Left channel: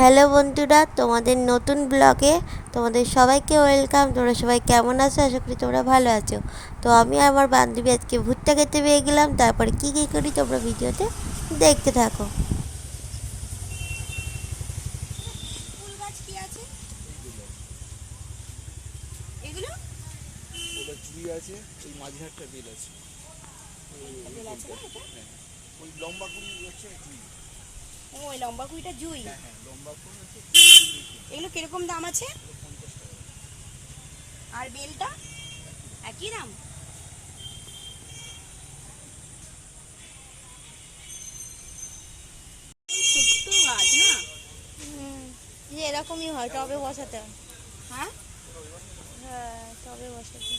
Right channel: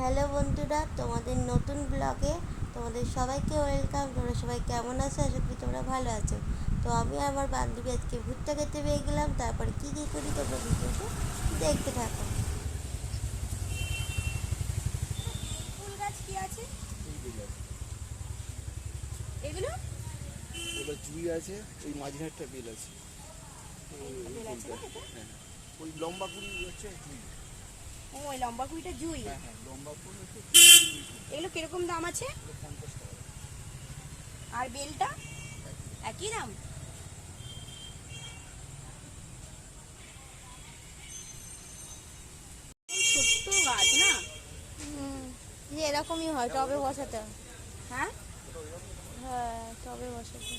Hello বন্ধুরা, তোমাদের নতুন ব্লগে তোমাদের সবাইকে ওয়েলকাম। তোমরা সবাই কেমন আছো? আশা করি তোমরা ভালো আছো। তো আমি আমার বান্ধবী আজকে ভুট্টা খেতে পেয়ে গেলাম। তারপরে কী কী করি তোমরা ভিডিওতে দেখতে থাকো। ফুল গাছ কি আছে এগুলো? ওটা জুই আছে, ওই মাঝখানটা বেল আছে। বেল আছে না এটা? হ্যাঁ, ওই লম্বা কুড়ি হচ্ছে জুই। ও ওই লম্বা কুইটা জুই। হ্যাঁ হ্যাঁ, লম্বা কুড়ি হচ্ছে এগুলো কিরকম দাম আছে? 50 টাকা। আর বেলটা একই দাম? ছোট্ট গাছ না? যে এরকমই হয়, টবে বসাতে হয়। হ্যাঁ, হ্যাঁ, টবে বসাতে।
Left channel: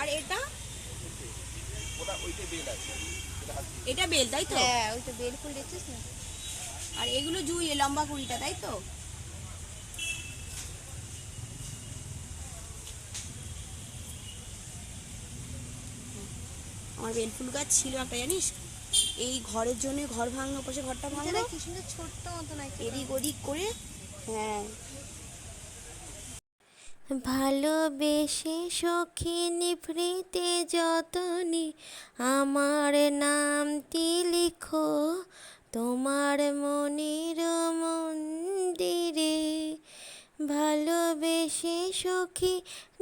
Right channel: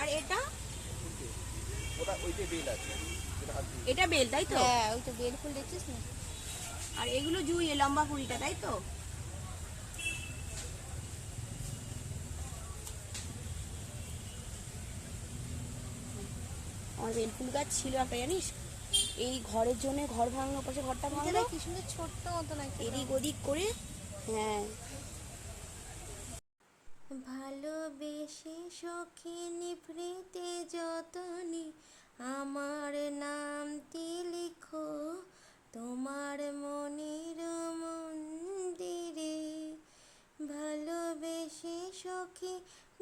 আর এটা ওটা ওইটা বেল আছে, এটা বেল তাই তো? হ্যাঁ, ওই তো বেল ফুল দেখছিস না? আর এগুলো জুই, এ লম্বা কুড়িটা তাই তো? আমার বেল ফুল গাছ ছিল একটা, জানিস? এই ঘরের জন্য ঘর ভাঙলো, পাশে ঘরটা ভাঙলো, কি সুন্দর ছোট্ট মতন একটা। এদিক ওদিক করে। হ্যাঁ, ভালোবেসে সখী নিভৃতে যতনে আমার নামটি লিখো তোমার মনের মন্দিরে। ভালোবেসে সখী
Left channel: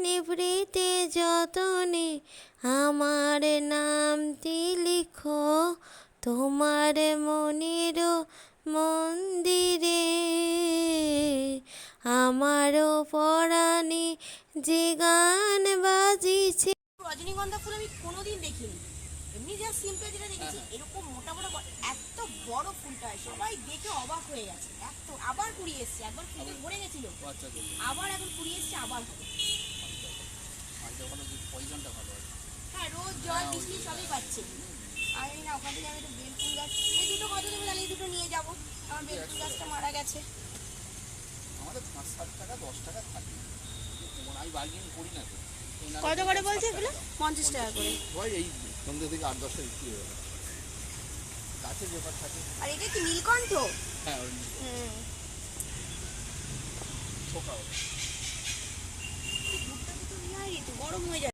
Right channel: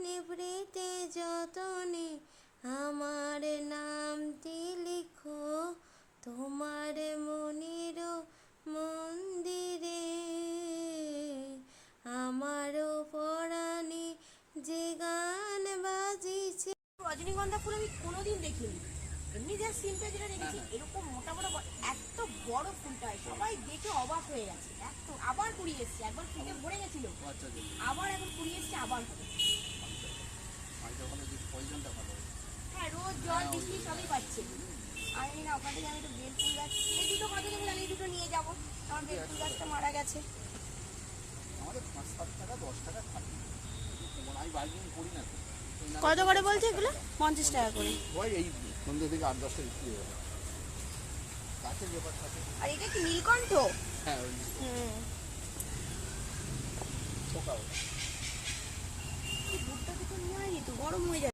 নিভৃতে যতনে আমার নামটি লিখো তোমার মনের মন্দিরে। আমারও পরাণে যে গান বাজিছে। রজনীগন্ধা ফুল আমি কোনোদিন দেখিনি। এমনি যা সিম্পল যেটা দেখেছি, এরকম মোটা মোটা এত বড় ফুলটা হয়, সবাই দেখে অবাক হয়ে গেছে। এত আবার কুড়িয়ে এসছে, একবার ফুলে ভরে গেছিল, আচ্ছা আচ্ছা, আবার এখন কুড়িয়ে এসছে, আবার হবে। মাঝটা ওখানে যে পয়জনটা ভালো হয়। হ্যাঁ, রোজ জল বৃষ্টি সবই পাচ্ছে। আমি না ওখান থেকে আমি একটু বেল ফুল গাছ, এই দুটো কত দেবো জানি, দুটো নিয়ে যাবো। আমার বেল ফুল গাছটা মারা গেছে। আমাদের 5-7 টাকা 10 টাকা থাকে, আমি বার্গেনিং করি না তো। কত করে বলছে এগুলো? 50 টাকা করে। হয় এই সন্ধ্যে থেকে 8-10টা বিক্রি হয়ে গেল। গাছের ব্যাপার থাকে। আর এটা কি নীলকণ্ঠ? হ্যাঁ, ওই পোকা। ভুট্টা তো নিয়ে আসি তো, গরম হয়ে যাবে।